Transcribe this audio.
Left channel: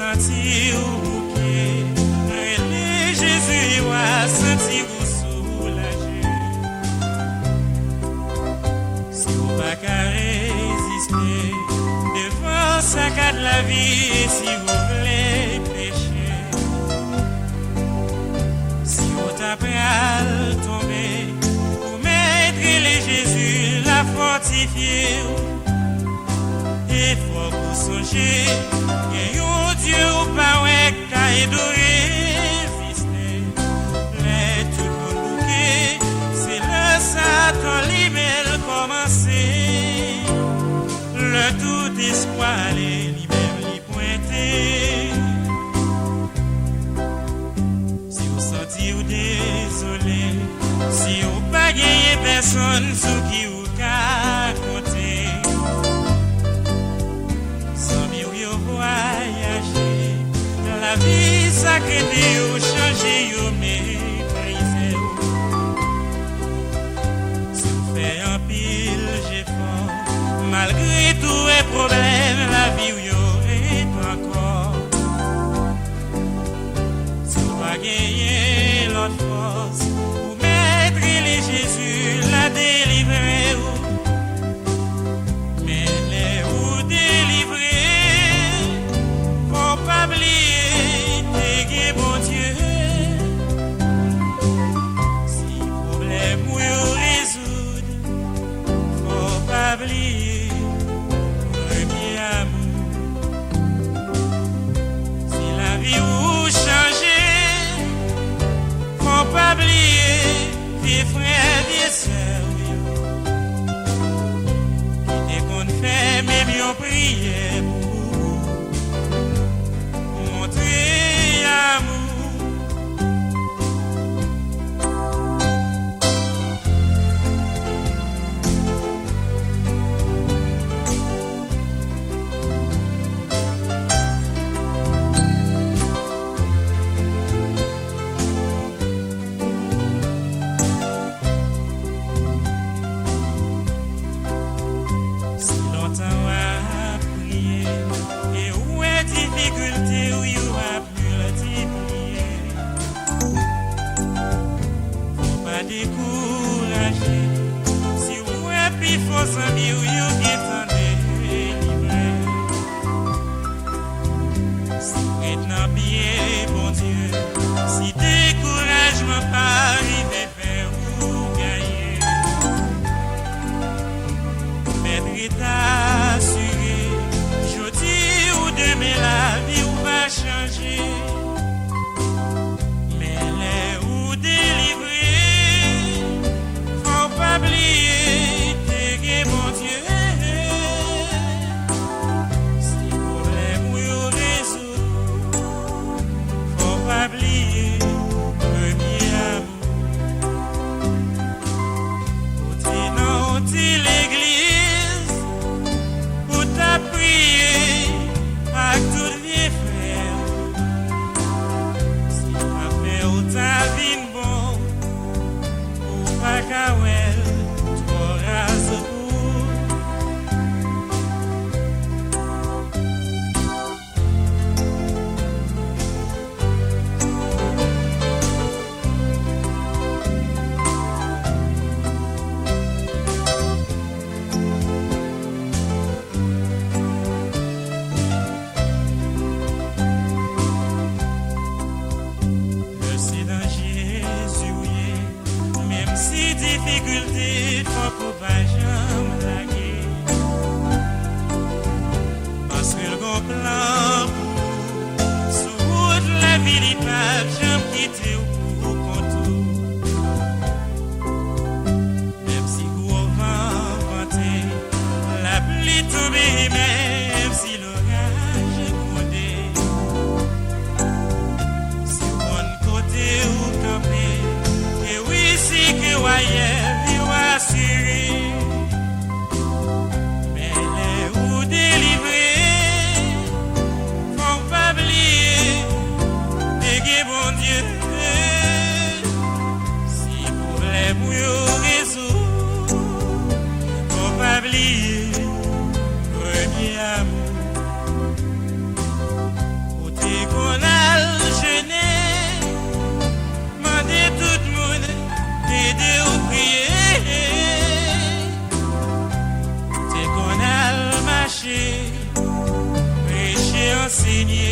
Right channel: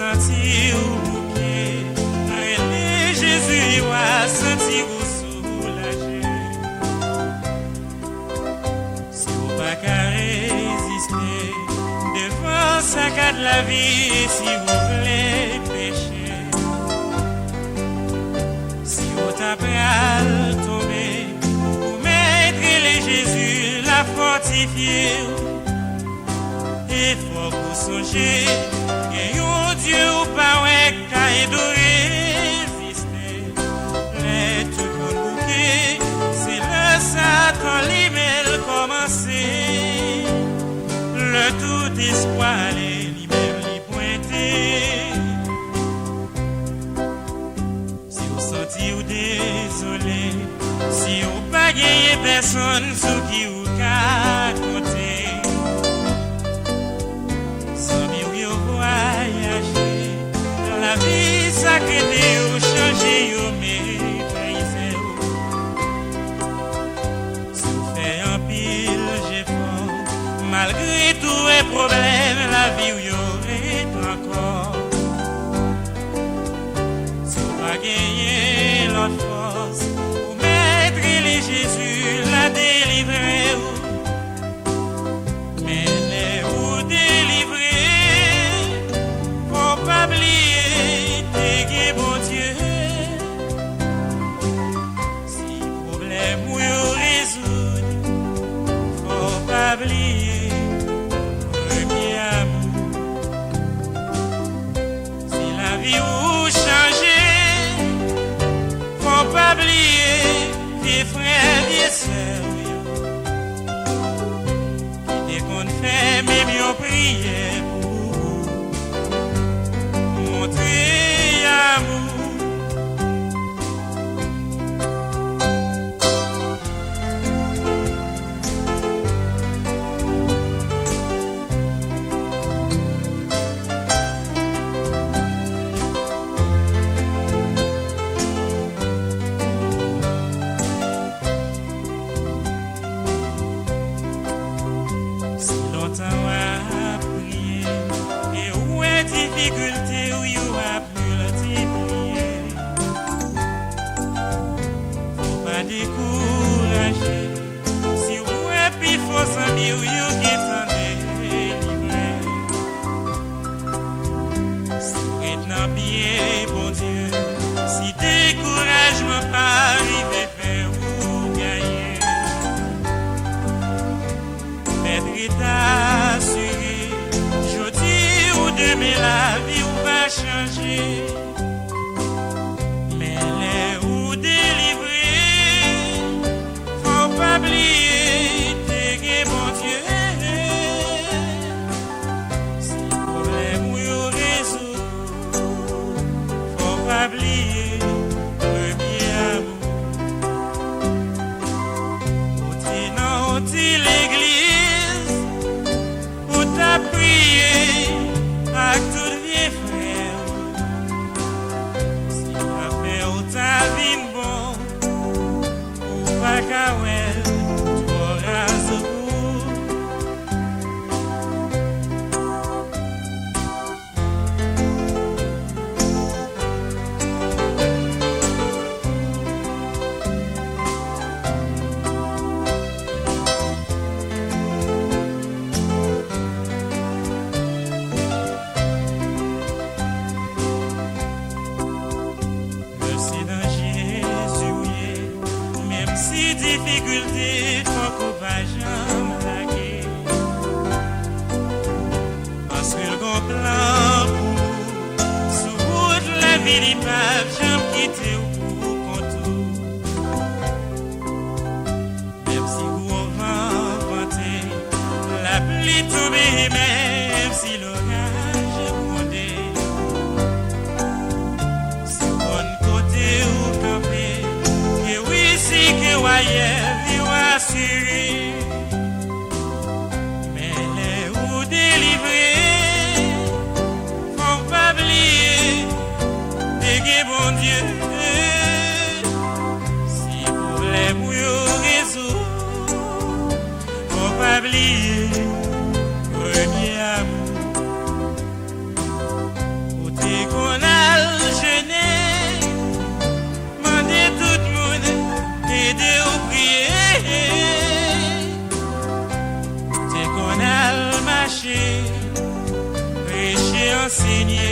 senti ou bouquet, Jésus a senti ou soulagé. Si vous pas qu'à résister devant sa cas de la vie, et si vous voulez pécher, si vous tapez à le tomber, vous mettrez les Jésus la fortifier. Et faut vous songer, et yon Dieu ou pas ouais qu'a édoré, mais tout le bouquet, c'est le Satan lui-même commencé, le tout espoir est lui-même lui pointé. Si vous sentez ou désolé, si vous pas gagné personne sous qui vous qu'a compté, voyager, la vie sacrée ou changer ou mépriser. Si vous faites un pile, j'ai fort, malgré tous les problèmes, la vie où y aurait encore. Si vous pas gagner l'autre force, vous mettrez les Jésus, la délivrer. Mais les ou délivrer. Faut pas oublier, t'es bon Dieu. Si problème ou yo résoudre, faut pas oublier, premier amour. Si la vie ou changer, faut pas oublier, tes frères et sœurs. Et qu'on fait même yon prière. enseigné.